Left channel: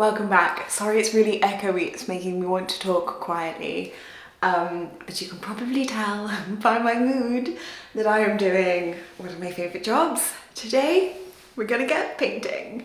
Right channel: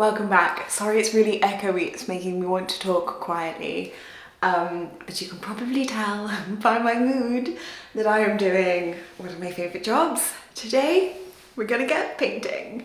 Welcome back. Sorry it's really echoey, it's making me want to talk quietly. But you can probably tell by my mood that I am doing one of my favourite jobs. Today, we're gonna get painting.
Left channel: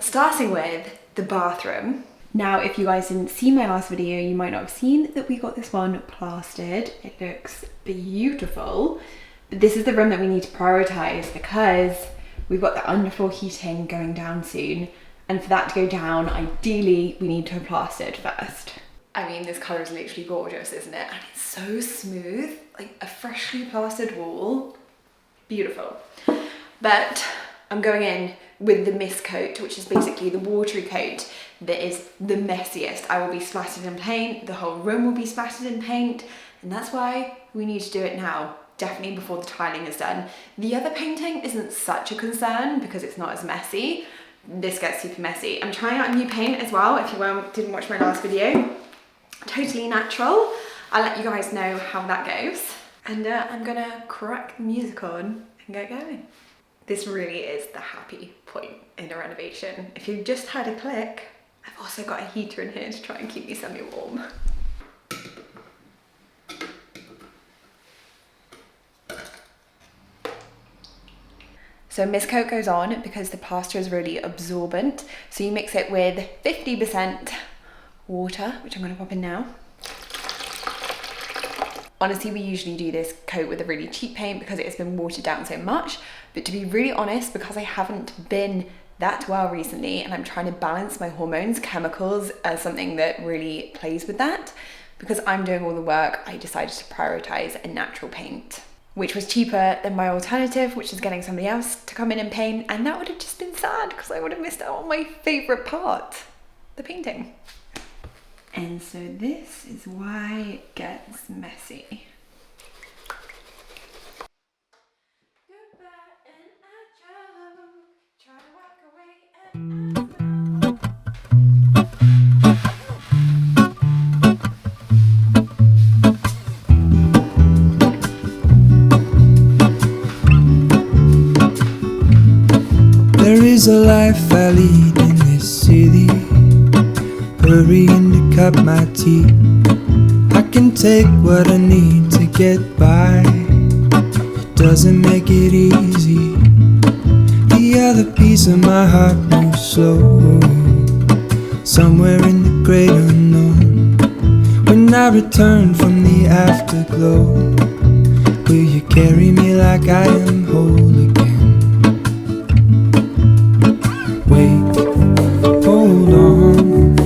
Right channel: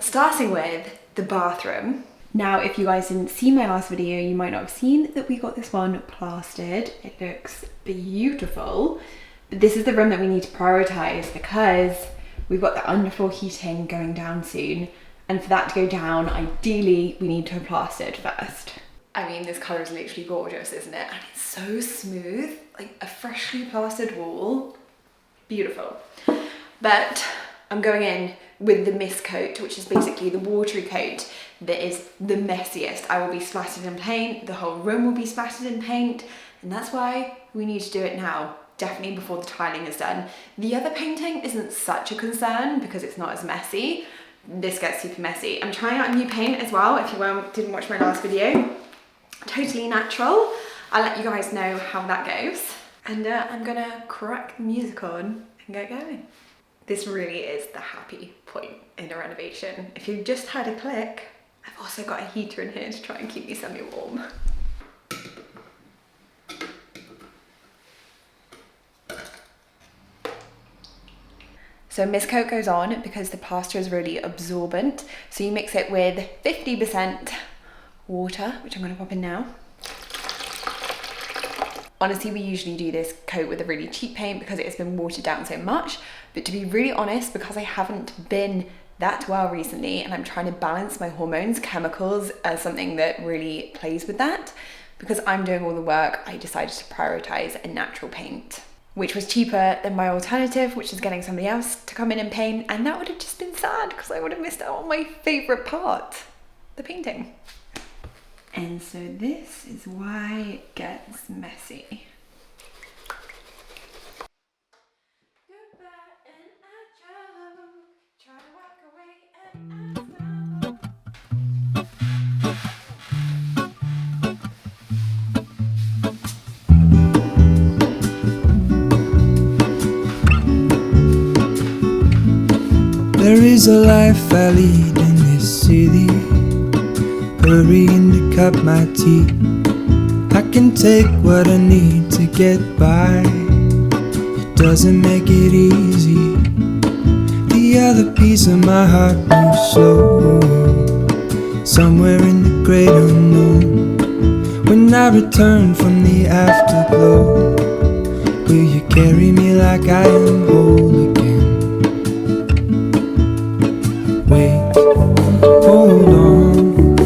Starting with the bathroom. Now, if you guys didn't see my last video, you might not have seen that we got this one plastered. It looks beautiful. But this is the room that we need to prioritise because we've got the underfloor heating going down soon. And for that to go down, ideally, we need to have plastered first. I mean, this colour is literally gorgeous, isn't it? And it's so smooth, like a freshly plastered wall. Beautiful. But I'm going in with the mist coat, which is basically the watery coat that is the messiest. I will be splattered in paint, the whole room will be splattered in paint, and that's why we need to do it now, definitely before the tiling is done. The other painting isn't such a concern because it's not as messy. This gets super messy. I'm trying out a new paint as well, if you didn't watch my last video. Totally natural. I'll let you guys know how that goes. And I'm gonna crack the music on and get going. This really is the happy point in a renovation. If you've just had a click, I've also got a heater in here to try and keep me semi-warm. So mist coat goes on because the plaster is really absorbent. So you mix it with 50% water, which I'm gonna pop in now. Honestly, we usually do this coat with a really cheap paint because it has been watered down so much. But to be really honest, because I haven't been that well recently and I'm trying to balance my hormones, chemicals as something that really plays with that. Because I'm doing all the work, I decided to prioritize a natural paint, which was cheaper than my alternative, which is getting somebody else to come in and paint. And that would have just been sad because I would have missed out on my favorite part, the painting. And so this is why it gets messy. There is a life I lead in this city, hurrying to cut my teeth. I can take what I need to get by. It doesn't make it easy. The other piece of my heart moves slow, somewhere in the great unknown. When I return from the afterglow, will you carry me like I am whole again? Wait, hold on,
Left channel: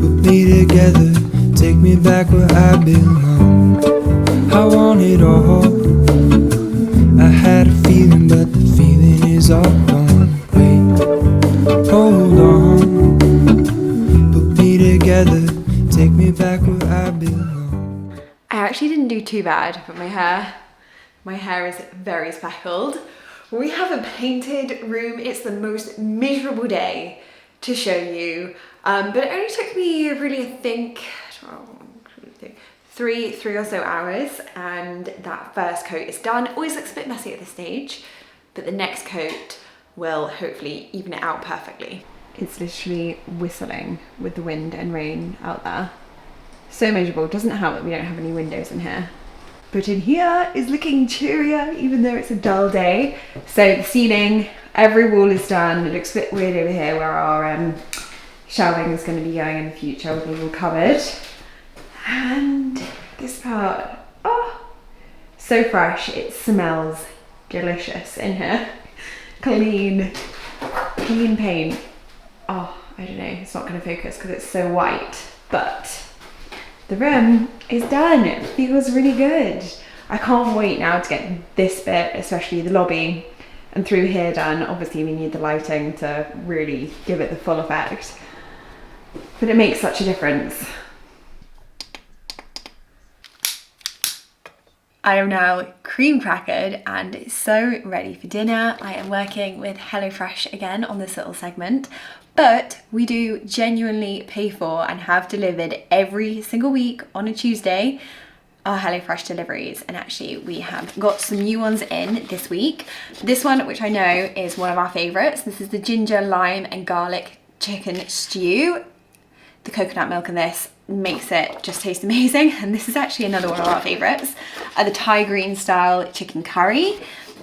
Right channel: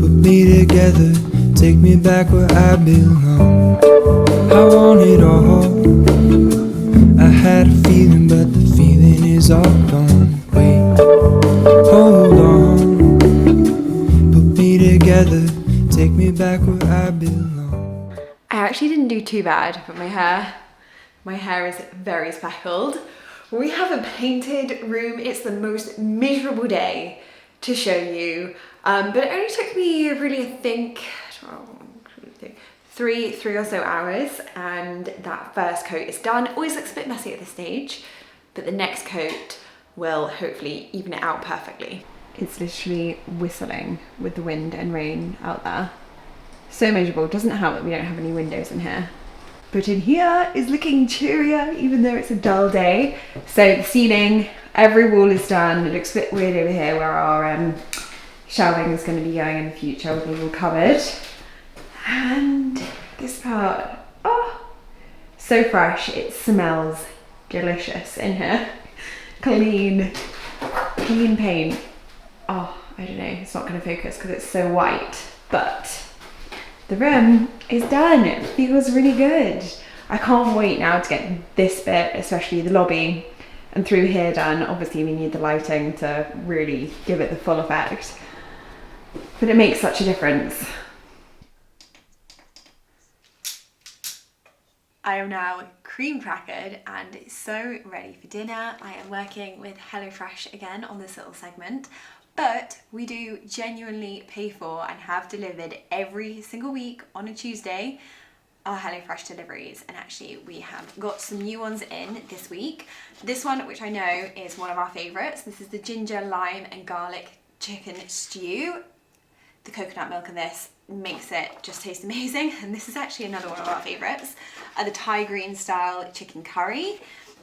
put me together, take me back where I belong. I want it all. I had a feeling, but the feeling is all gone. Wait, hold on, put me together, take me back where I belong. I actually didn't do too bad, but my hair is very speckled. We have a painted room. It's the most miserable day to show you, but it only took me really, I think, three or so hours, and that first coat is done. Always looks a bit messy at this stage, but the next coat will hopefully even it out perfectly. It's literally whistling with the wind and rain out there. So miserable. It doesn't help that we don't have any windows in here. But in here is looking cheerier, even though it's a dull day. So the ceiling, every wall is done. It looks a bit weird over here where our shelving is going to be going in the future with it all covered. And this part, oh, so fresh. It smells delicious in here. Clean paint. Oh, I don't know, it's not going to focus because it's so white, but the room is done. It feels really good. I can't wait now to get this bit, especially the lobby and through here done. Obviously we need the lighting to really give it the full effect, but it makes such a difference. I am now cream crackered and so ready for dinner. I am working with HelloFresh again on this little segment, but we do genuinely pay for and have delivered every single week on a Tuesday our HelloFresh deliveries, and actually we have got some new ones in this week. This one, which I know is one of our favourites, this is the ginger, lime and garlic chicken stew. The coconut milk in this makes it just taste amazing. And this is actually another one of our favorites. The Thai green style chicken curry.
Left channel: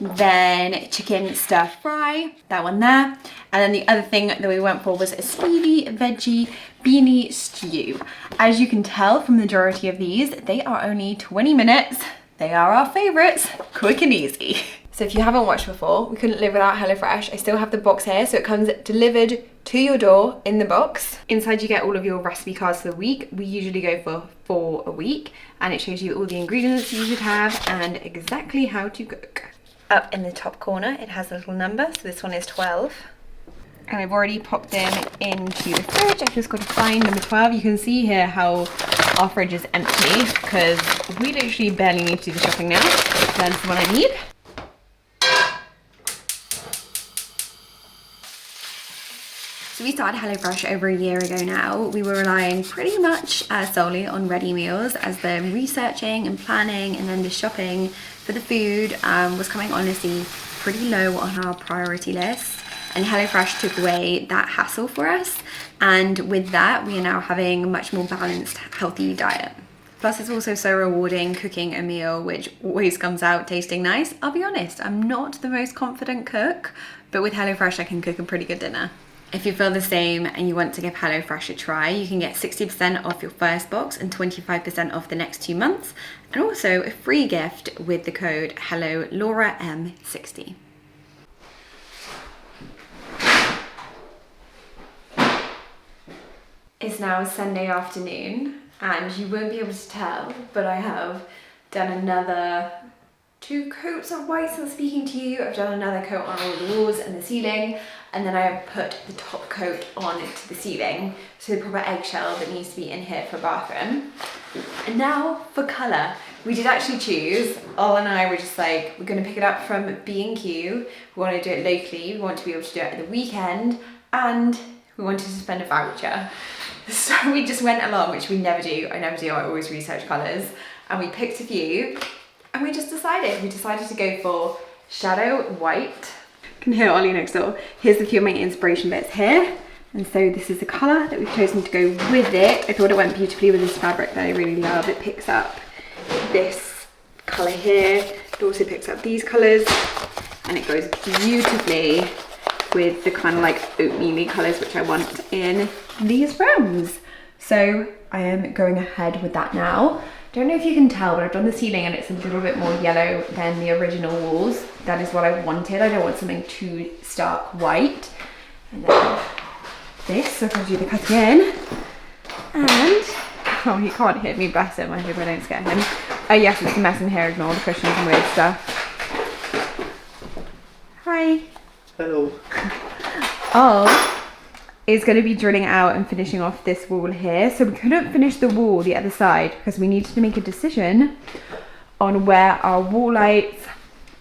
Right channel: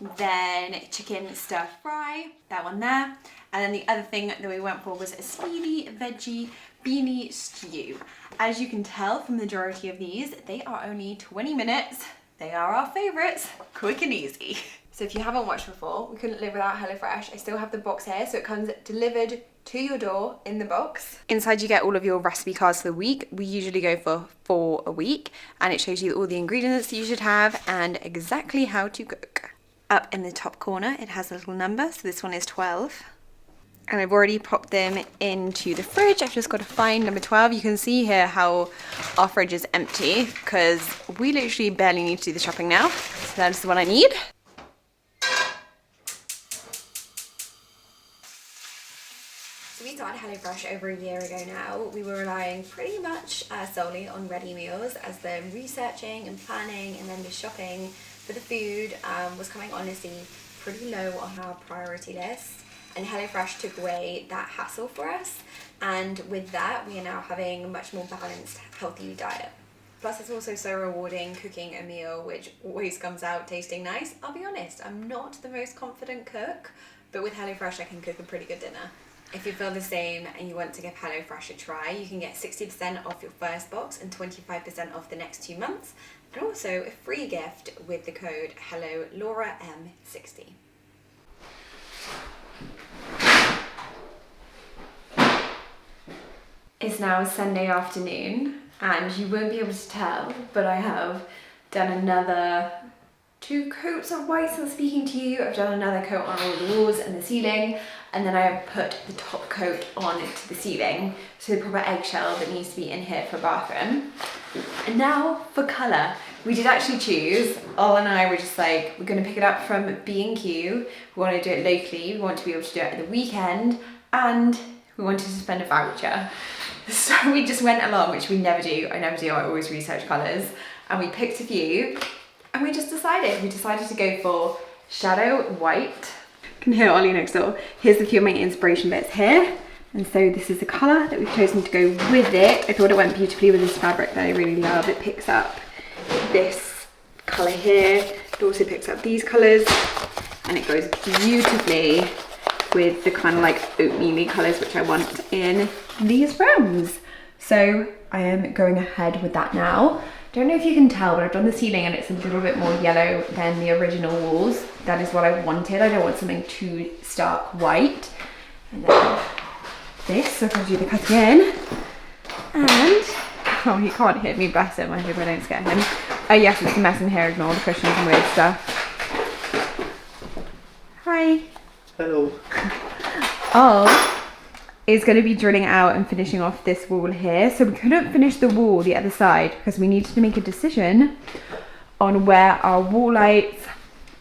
Then chicken stir fry, that one there. And then the other thing that we went for was a speedy veggie beanie stew. As you can tell from the majority of these, they are only 20 minutes. They are our favorites, quick and easy. So if you haven't watched before, we couldn't live without HelloFresh. I still have the box here, so it comes delivered to your door in the box. Inside you get all of your recipe cards for the week. We usually go for a week, and it shows you all the ingredients you should have and exactly how to cook. Up in the top corner, it has a little number, so this one is 12. And I've already popped them into the fridge. I've just got to find number 12. You can see here how our fridge is empty because we literally barely need to do the shopping now. That's the one I need. So we started HelloFresh over a year ago now. We were relying pretty much solely on ready meals, as the researching and planning and then the shopping for the food was coming honestly pretty low on our priority list. And HelloFresh took away that hassle for us. And with that, we are now having a much more balanced, healthy diet. Plus it's also so rewarding cooking a meal which always comes out tasting nice. I'll be honest, I'm not the most confident cook, but with HelloFresh I can cook a pretty good dinner. If you feel the same and you want to give HelloFresh a try, you can get 60% off your first box and 25% off the next 2 months, and also a free gift with the code HelloLauraM60. It's now Sunday afternoon, and you won't be able to tell, but I have done another 2 coats of white since speaking to you. I've done another coat on all the walls and the ceiling, and then I have put the top coat on to the ceiling, so the proper eggshell that needs to be in here for bathroom. And now for colour. We did actually choose, Ol and I were just like, we're gonna pick it up from B&Q, we want to do it locally, we want to be able to do it at the weekend, and we wanted to spend a voucher. So we just went along, which we never do, I always research colours, and we picked a few, and we decided to go for shadow white. You can hear Ollie next door. Here's a few of my inspiration bits here. And so this is the colour that we've chosen to go with it. I thought it went beautifully with this fabric that I really love. It picks up this colour here. It also picks up these colours, and it goes beautifully with the kind of like oatmeal-y colours which I want in these rooms. So I am going ahead with that now. Don't know if you can tell, but I've done the ceiling and it's a little bit more yellow than the original walls. That is what I wanted. I don't want something too stark white. And then this, so I'm going to do the cutting in. And, oh, he can't hit me, bless him. I hope I don't scare him. Oh yes, it's a mess in here. Ignore the cushions and weird stuff. Hi. Hello. Oh. Is going to be drilling out and finishing off this wall here. So we couldn't finish the wall the other side because we needed to make a decision on where our wall lights,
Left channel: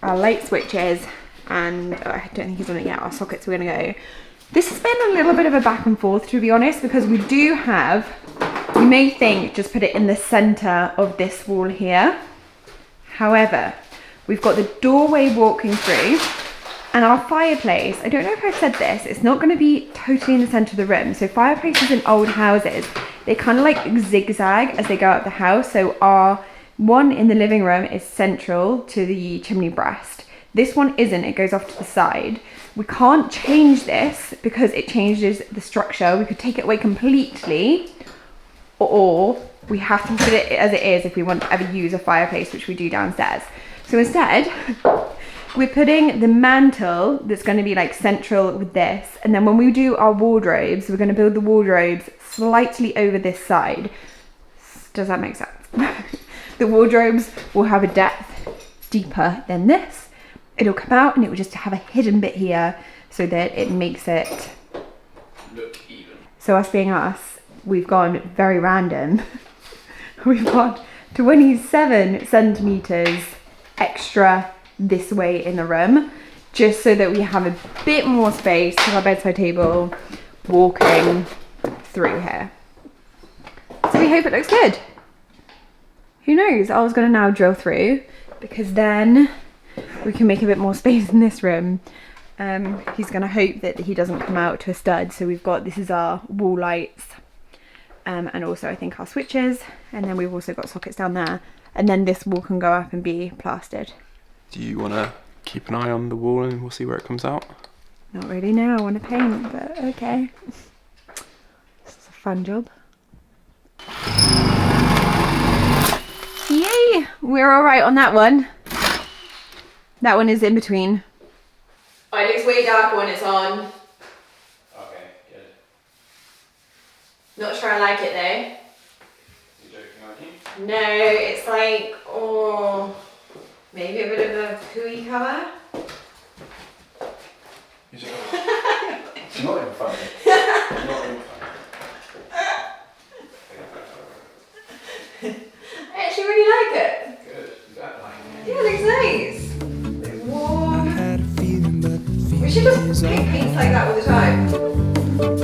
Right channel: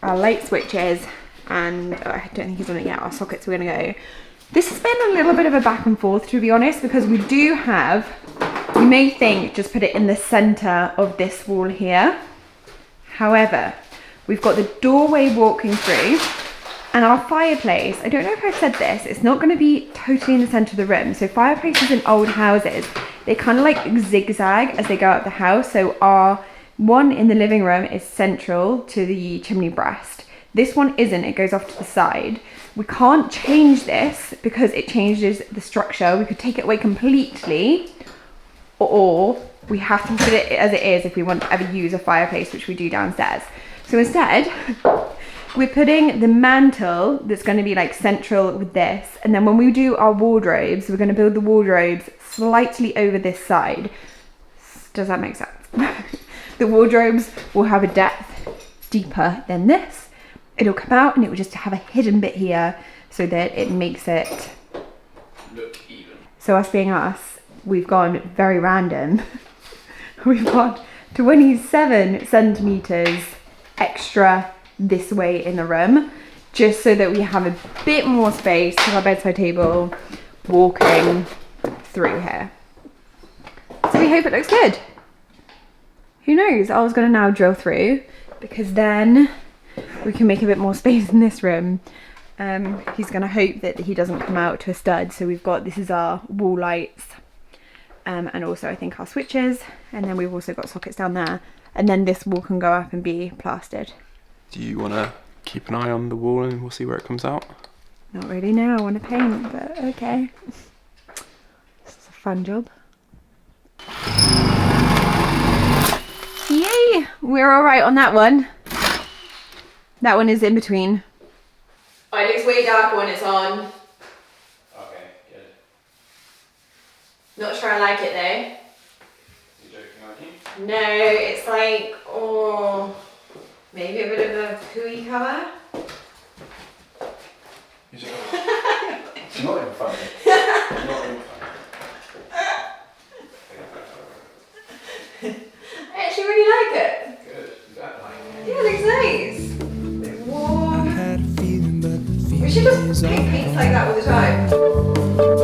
our light switches, and I don't think he's done it yet, our sockets were going to go. This has been a little bit of a back and forth, to be honest, because we do have, you may think just put it in the center of this wall here. However, we've got the doorway walking through. And our fireplace, I don't know if I've said this, it's not going to be totally in the centre of the room. So fireplaces in old houses, they kind of like zigzag as they go up the house. So our one in the living room is central to the chimney breast. This one isn't, it goes off to the side. We can't change this because it changes the structure. We could take it away completely, or we have to put it as it is if we want to ever use a fireplace, which we do downstairs. So instead, we're putting the mantle that's going to be like central with this, and then when we do our wardrobes, we're going to build the wardrobes slightly over this side. Does that make sense? The wardrobes will have a depth deeper than this. It'll come out and it will just have a hidden bit here so that it makes it look even. So us being us, we've gone very random. We've got 27 centimeters extra this way in the room, just so that we have a bit more space to our bedside table walking through here. So we hope it looks good. Who knows? I was going to now drill through because then we can make a bit more space in this room. He's going to hope that he doesn't come out to a stud. So we've got, this is our wall lights, and also I think our switches, and then we've also got sockets down there, and then this wall can go up and be plastered. Do you want to keep an eye on the wall and we'll see where it comes out? Not really, no, I want to paint, but okay. This is a fun job. Yay! We're alright on that one. That one is in between. Oh, it looks way darker when it's on. Okay, good. Not sure I like it though. You joking, aren't you? No, it's like, oh, maybe a bit of a pooey colour. You're joking. It's not even funny. It's not even funny. I actually really like it. Good. You don't like it. Yeah, it looks nice. A bit I warm. had a feeling, but the We should feeling just is paint all paints like that all the time.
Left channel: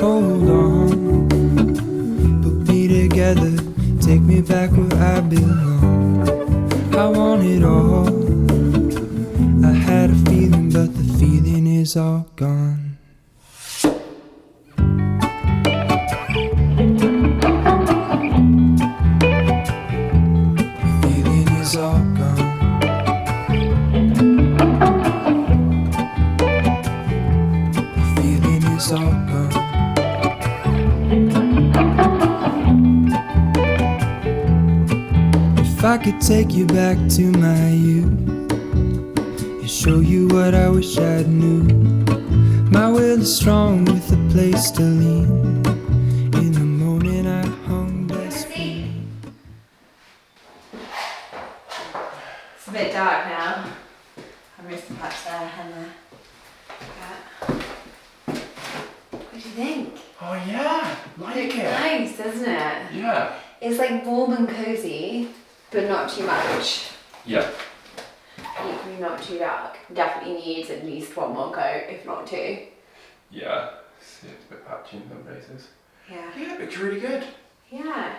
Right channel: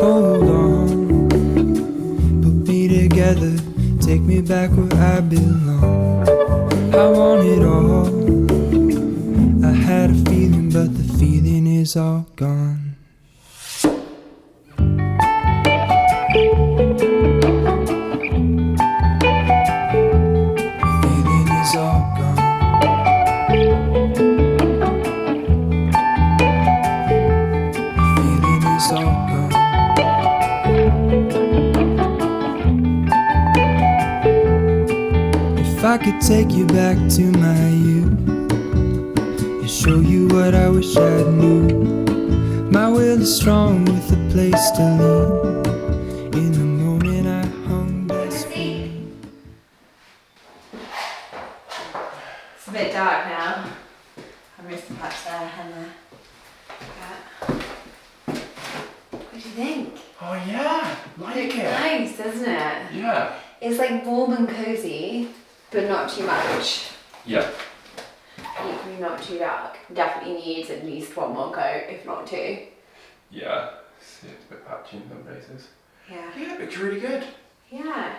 Hold on, put me together, take me back where I belong. I want it all. I had a feeling, but the feeling is all gone. The feeling is all gone. The feeling is all gone. If I could take you back to my youth and show you what I wish I knew, my will is strong with a place to lean. In the moment I hung desperate. It's a bit dark now. I missed the patch there and there. What do you think? Oh yeah, like It's it. nice, doesn't it? Yeah. It's like warm and cozy, but not too much. Yeah. Equally not too dark. Definitely needs at least one more coat, if not two. Yeah. See, it's a bit patchy in some places. Yeah. Yeah, it looks really good. Yeah.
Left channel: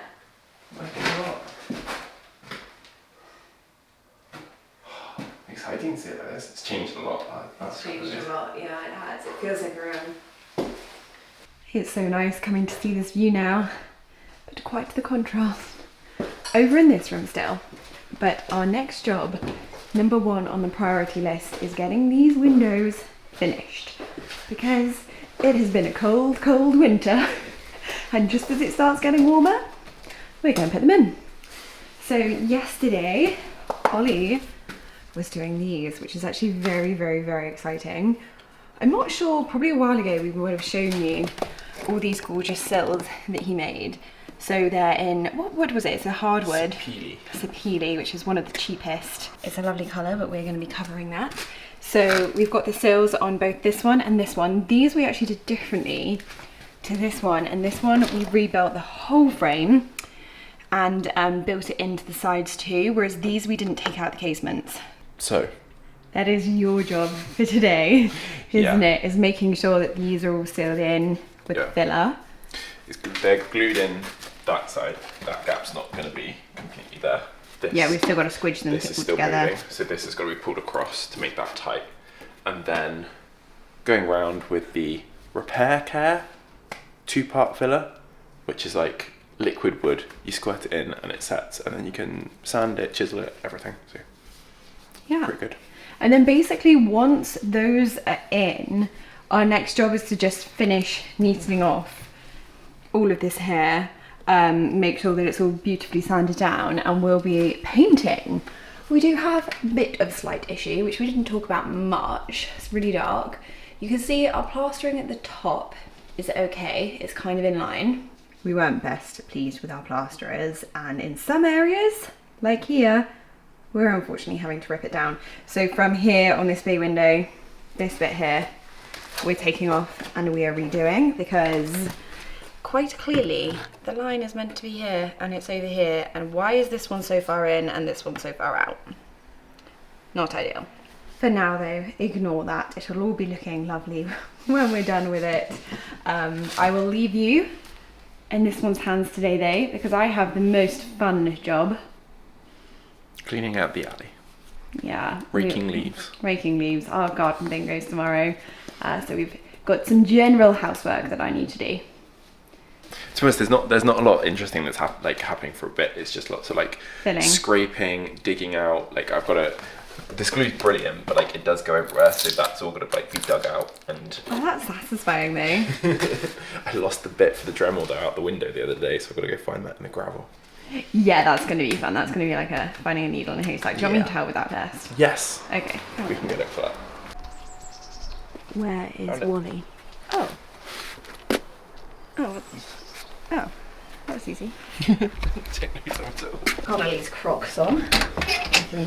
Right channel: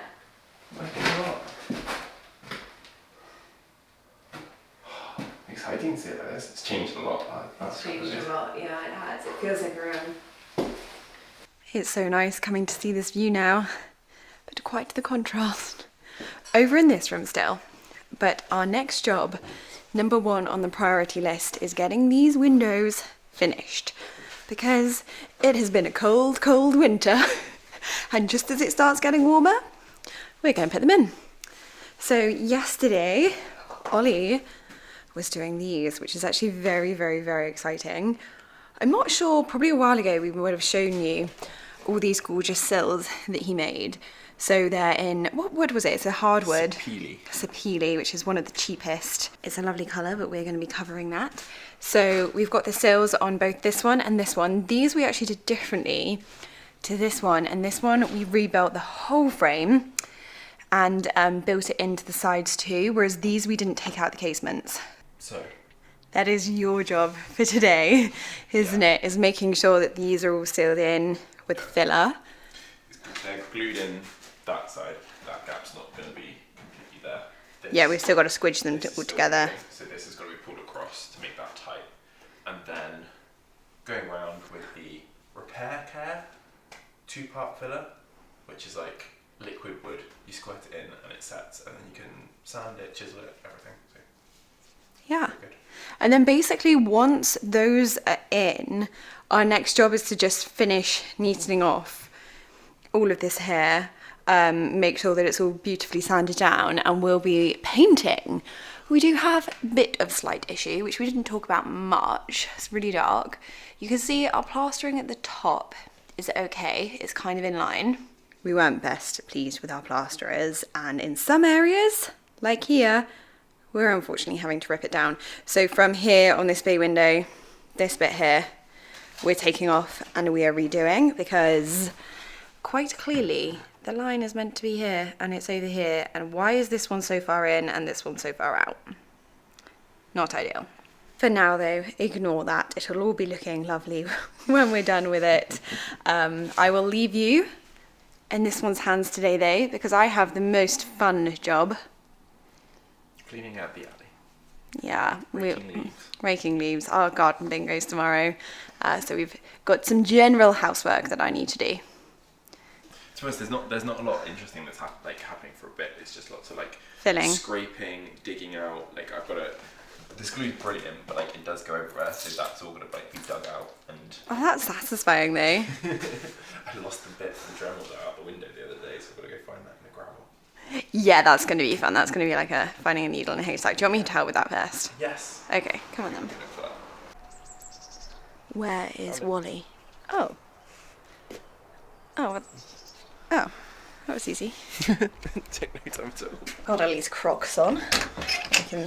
Like it a lot. Exciting to see it like this. It's changed a lot. It's changed a lot, yeah, it has. It feels like a room. It's so nice coming to see this view now, but quite the contrast. Over in this room still, but our next job, number one on the priority list, is getting these windows finished, because it has been a cold, cold winter, and just as it starts getting warmer, we're going to put them in. So yesterday, Ollie was doing these, which is actually very, very, very exciting. I'm not sure, probably a while ago we would have shown you all these gorgeous sills that he made. So they're in, what wood was it? It's a hardwood. Peely. Sapele, which is one of the cheapest. It's a lovely colour, but we're going to be covering that. So we've got the sills on both this one and this one. These we actually did differently to this one, and this one we rebuilt the whole frame and built it into the sides too, whereas these we didn't take out the casements. So. That is your job for today, isn't Yeah. it? Is making sure that these are all sealed in with Yeah. filler. They're glued in that side. That gap's not going to be completely there. This, Yeah, we've still got to squidge them this is all still together. moving, so this has got to be pulled across to make that tight. And then going round with the repair care 2-part filler, which is like liquid wood. You squirt it in and it sets, and then you can sand it, chisel it, everything. So Yeah. pretty good. And then basically once those are in, our next job is to just finish neatening off all of this here, make sure that it's all beautifully sanded down, and we'll be painting. We do have a bit of slight issue, which we didn't talk about much. It's really dark. You can see our plastering at the top is okay. It's kind of in line. We weren't best pleased with our plasterers, and in some areas, like here, we're unfortunately having to rip it down. So from here on this bay window, this bit here, we're taking off and we are redoing, because quite clearly the line is meant to be here and it's over here. And why is this one so far in and this one so far out? Not ideal. For now though, ignore that. It'll all be looking lovely when we're done with it. I will leave you in this one's hands today though, because I have the most fun job. Cleaning out the alley. Yeah. Raking leaves. Raking leaves. Our garden bin goes tomorrow. So we've got some general housework that I need to do. To be honest, there's not a lot interesting that's happening for a bit. It's just lots of like Filling. scraping, digging out. Like I've got this glue's brilliant, but like it does go everywhere, so that's all gonna like be dug out. And Oh, that's satisfying though. I lost the bit for the Dremel though out the window the other day, so I've got to go find that in the gravel. Yeah, that's going to be fun. That's going to be like finding a needle in a haystack. Do you want me to help with that first? Yes. Okay, come We on. can get it for that. Where is Found it. Wally? Oh. Oh, that was easy. Take no time at all. Got Lily's Crocs on.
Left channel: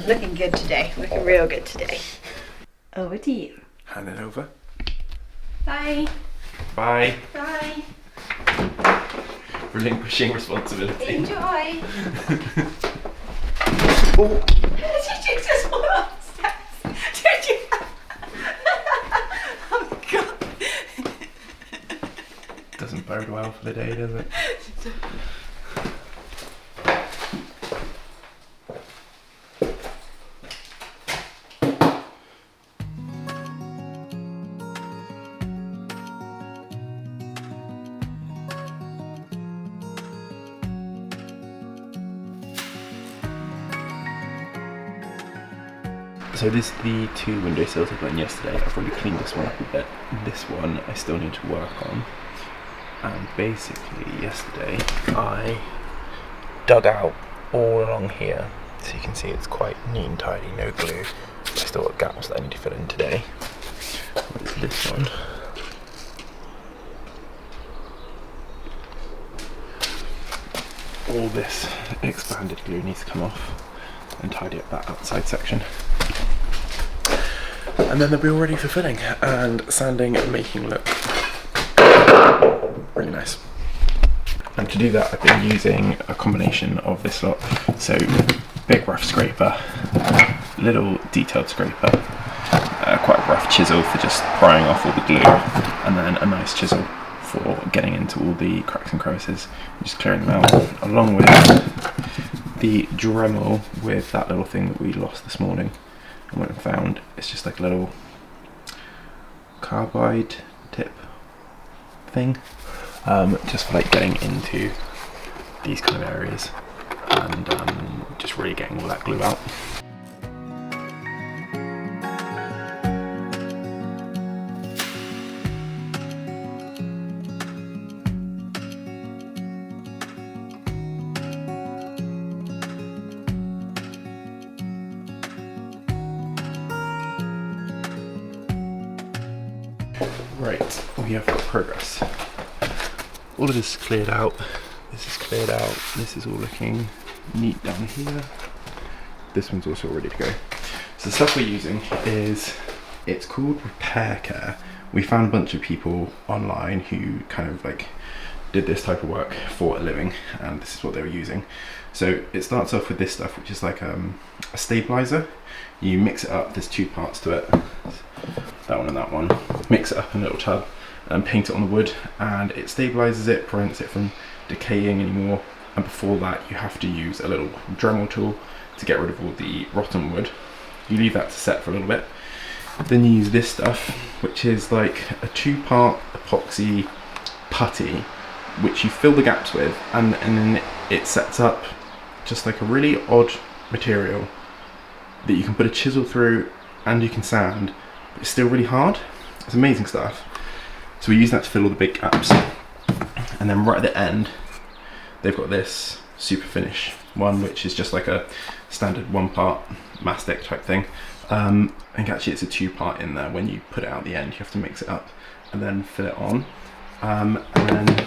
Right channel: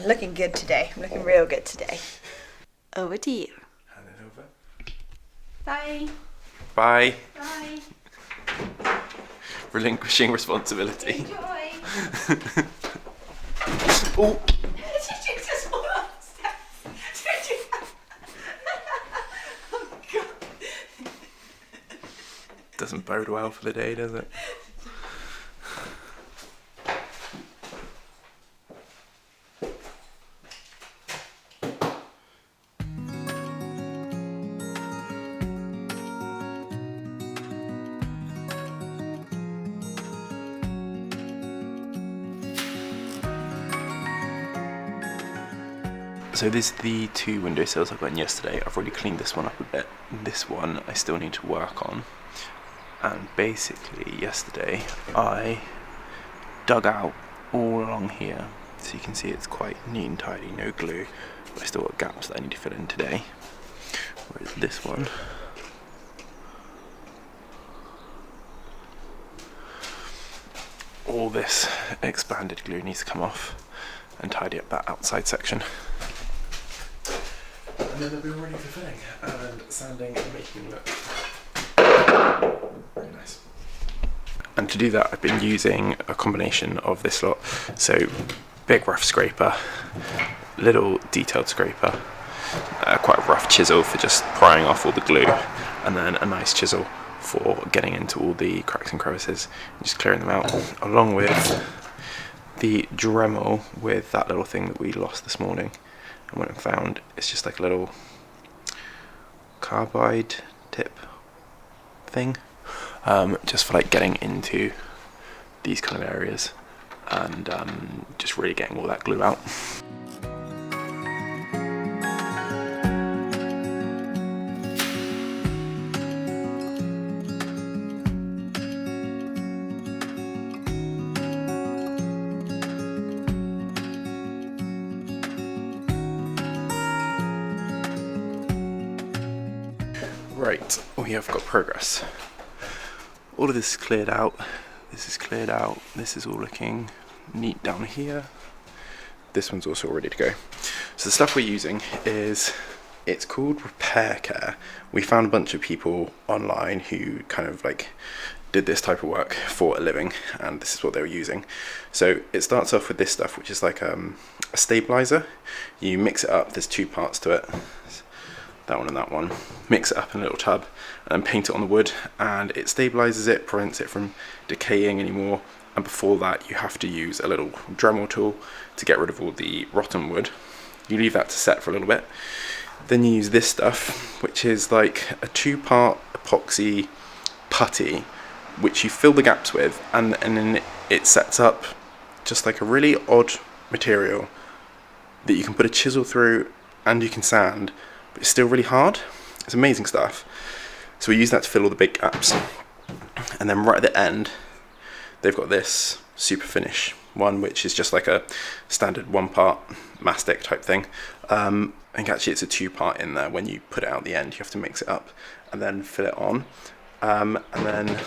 Looking good today. Looking real good today. Over to you. Hand it over. Bye. Bye. Bye. Relinquishing responsibility. Enjoy. Oh. Did you just fall upstairs? Did you? Oh God. Doesn't bode well for the day, does it? So this is the 2 windowsills I put in yesterday. I've already cleaned this one up a bit. This one I still need to work on. And basically yesterday I dug out all along here. So you can see it's quite neat and tidy, no glue. But I still got gaps that I need to fill in today. What is this one? All this expanded glue needs to come off and tidy up that outside section. And then they'll be all ready for filling and sanding and making look really nice. And to do that I've been using a combination of this lot. So big rough scraper, little detailed scraper, quite a rough chisel for just prying off all the glue, and then a nice chisel for getting into all the cracks and crevices and just clearing them out, along with the Dremel with that little thing that we lost this morning and went and found. It's just like a little carbide tip thing, just for like getting into these kind of areas and just really getting all that glue out. Right, we have got progress. All of this is cleared out, this is cleared out, this is all looking neat down here. This one's also ready to go. So the stuff we're using it's called Repair Care. We found a bunch of people online who kind of like did this type of work for a living, and this is what they were using. So it starts off with this stuff, which is like a stabilizer. You mix it up, there's 2 parts to it. That one and that one. Mix it up in a little tub and paint it on the wood, and it stabilizes it, prevents it from decaying anymore. And before that you have to use a little Dremel tool to get rid of all the rotten wood. You leave that to set for a little bit. Then you use this stuff, which is like a 2-part epoxy putty, which you fill the gaps with, and then it sets up just like a really odd material that you can put a chisel through and you can sand. It's still really hard. It's amazing stuff. So we use that to fill all the big gaps. And then right at the end, they've got this super finish one, which is just like a standard 1-part mastic type thing. I think actually it's a 2-part in there. When you put it out at the end, you have to mix it up and then fill it on. And then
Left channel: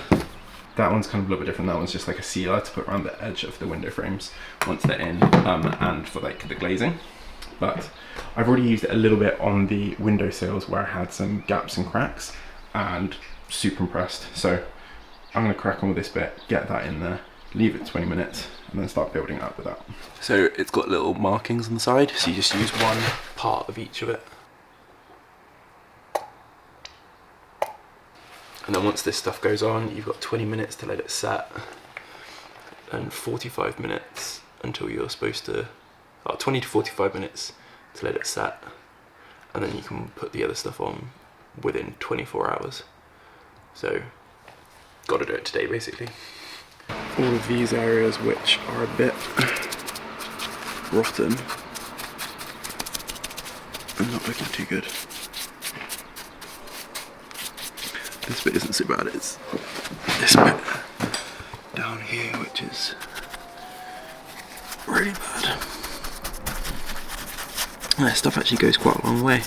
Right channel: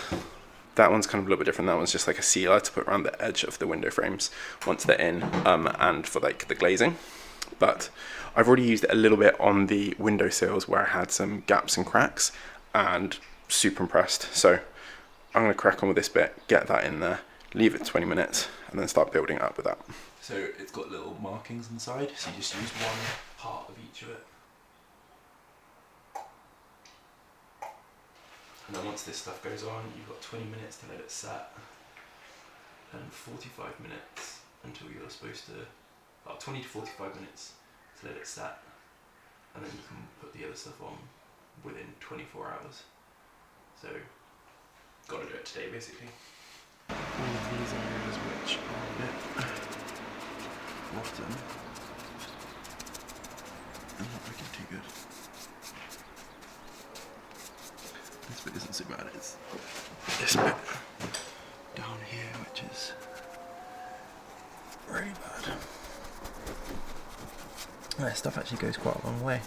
that one's kind of a little bit different. That one's just like a sealer to put around the edge of the window frames once they're in, and for like the glazing. But I've already used it a little bit on the windowsills where I had some gaps and cracks, and super impressed. So I'm going to crack on with this bit, get that in there, leave it 20 minutes, and then start building it up with that. So it's got little markings on the side, so you just use 1 part of each of it. And then once this stuff goes on, you've got 20 minutes to let it set, and 45 minutes until you're supposed to, 20 to 45 minutes to let it set, and then you can put the other stuff on within 24 hours. So, got to do it today basically. All of these areas which are a bit rotten and not looking too good. This bit isn't so bad, it's this bit down here which is really bad. And that stuff actually goes quite a long way.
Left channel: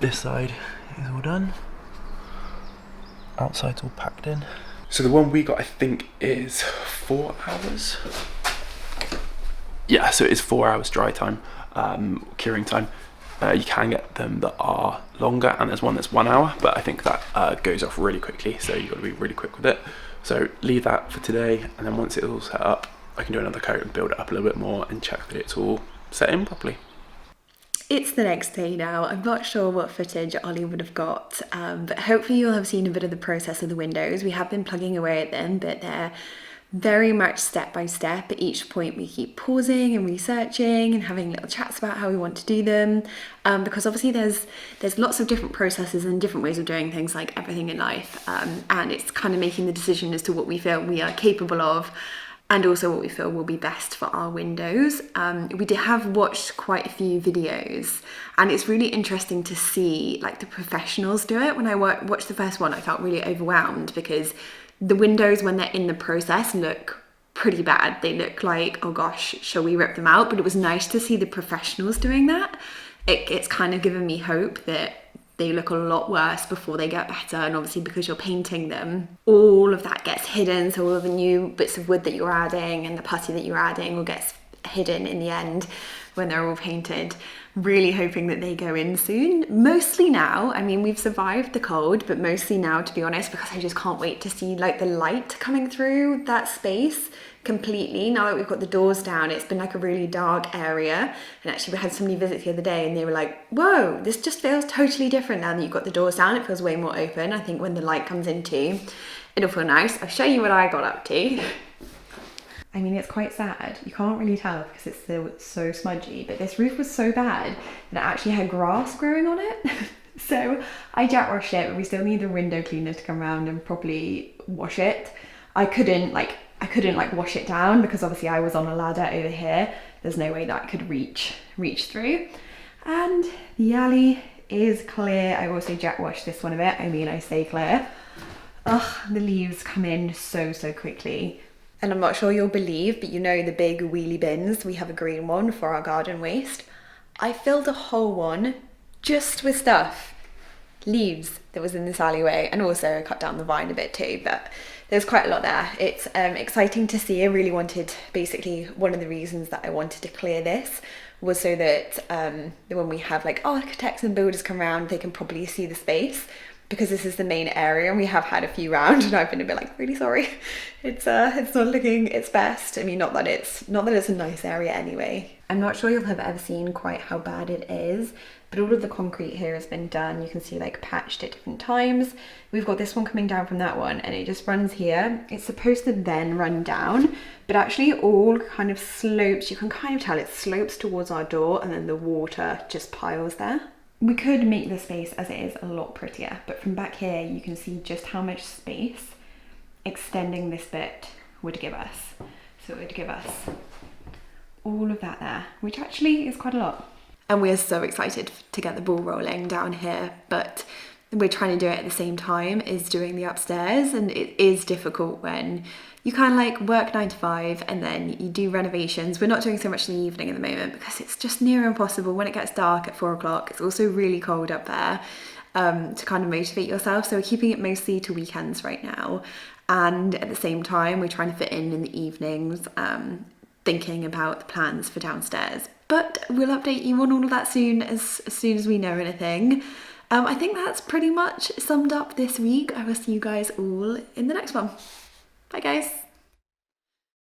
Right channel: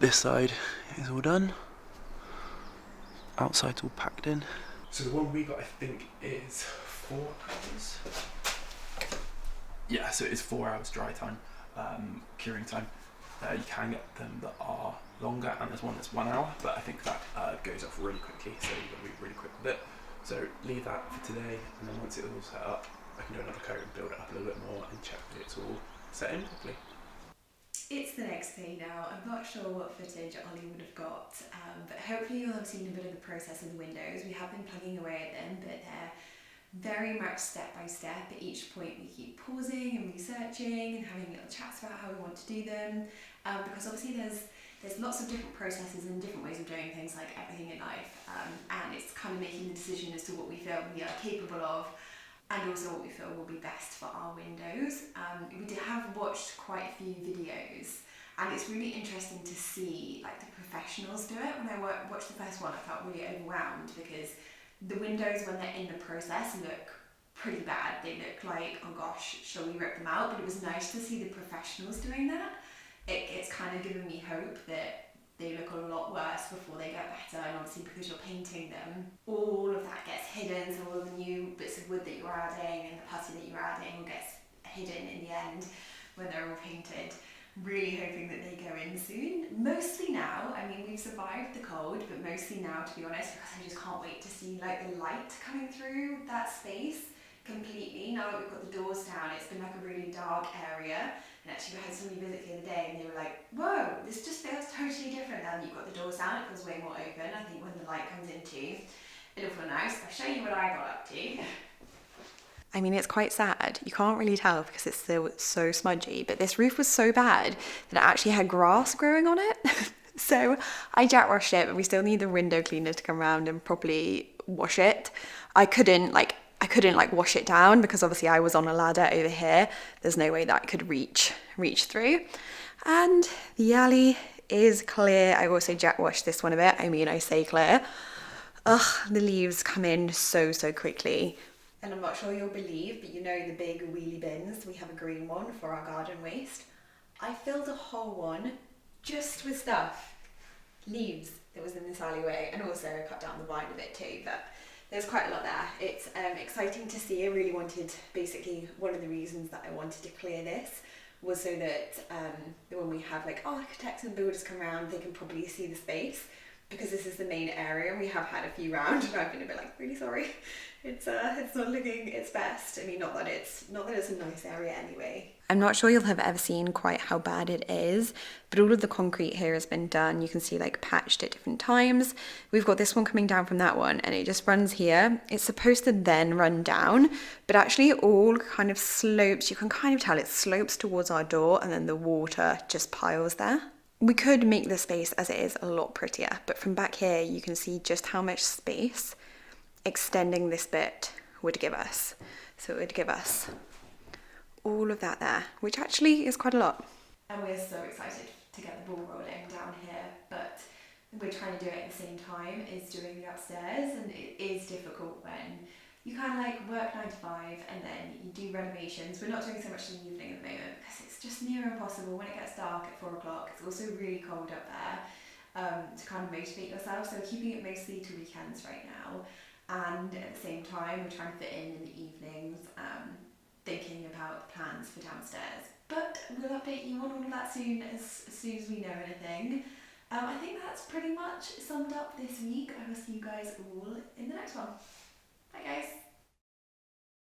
This side is all done. Outside's all packed in. So the one we got, I think, is 4 hours. Yeah, so it is 4 hours dry time, curing time. You can get them that are longer, and there's one that's 1 hour, but I think that goes off really quickly, so you've got to be really quick with it. So leave that for today, and then once it's all set up, I can do another coat and build it up a little bit more and check that it's all set in properly. It's the next day now. I'm not sure what footage Ollie would have got, but hopefully you'll have seen a bit of the process of the windows. We have been plugging away at them, but they're very much step by step. At each point we keep pausing and researching and having little chats about how we want to do them, because obviously there's lots of different processes and different ways of doing things, like everything in life, and it's kind of making the decision as to what we feel we are capable of, and also what we feel will be best for our windows. We have watched quite a few videos, and it's really interesting to see like the professionals do it. When I watched the first one, I felt really overwhelmed because the windows, when they're in the process, look pretty bad. They look like, oh gosh, shall we rip them out? But it was nice to see the professionals doing that. It's kind of given me hope that they look a lot worse before they get better, and obviously because you're painting them, all of that gets hidden, so all of the new bits of wood that you're adding and the putty that you're adding all gets hidden in the end when they're all painted. Really hoping that they go in soon. Mostly now, I mean, we've survived the cold, but mostly now, to be honest, because I just can't wait to see like the light coming through that space completely. Now that we've got the doors down, it's been like a really dark area, and actually we had somebody visit the other day and they were like, whoa, this just feels totally different now that you've got the doors down. It feels way more open. I think when the light comes in too, it'll feel nice. I'll show you what I got up to. I mean, it's quite sad. You can't really tell because it's still so smudgy, but this roof was so bad that it actually had grass growing on it. So I jet washed it, but we still need the window cleaner to come around and properly wash it. I couldn't wash it down because obviously I was on a ladder over here. There's no way that I could reach through. And the alley is clear. I also jet washed this one a bit. I mean, I say clear. Ugh, the leaves come in so quickly. And I'm not sure you'll believe, but you know the big wheelie bins, we have a green one for our garden waste. I filled a whole one just with stuff, leaves that was in this alleyway, and also I cut down the vine a bit too, but there's quite a lot there. It's exciting to see. I really wanted, basically one of the reasons that I wanted to clear this was so that when we have like architects and builders come around, they can probably see the space, because this is the main area and we have had a few round, and I've been a bit like, really sorry, it's not looking its best. I mean, not that it's a nice area anyway. I'm not sure you'll have ever seen quite how bad it is, but all of the concrete here has been done. You can see like patched at different times. We've got this one coming down from that one, and it just runs here. It's supposed to then run down, but actually it all kind of slopes. You can kind of tell it slopes towards our door, and then the water just piles there. We could make the space as it is a lot prettier, but from back here you can see just how much space extending this bit would give us. So it would give us all of that there, which actually is quite a lot. And we're so excited to get the ball rolling down here, but we're trying to do it at the same time as doing the upstairs, and it is difficult when you kind of like work 9 to 5 and then you do renovations. We're not doing so much in the evening at the moment because it's just near impossible when it gets dark at 4 o'clock. It's also really cold up there, to kind of motivate yourself. So we're keeping it mostly to weekends right now. And at the same time, we're trying to fit in the evenings. thinking about the plans for downstairs. But we'll update you on all of that soon as we know anything. I think that's pretty much summed up this week. I will see you guys all in the next one. Bye guys.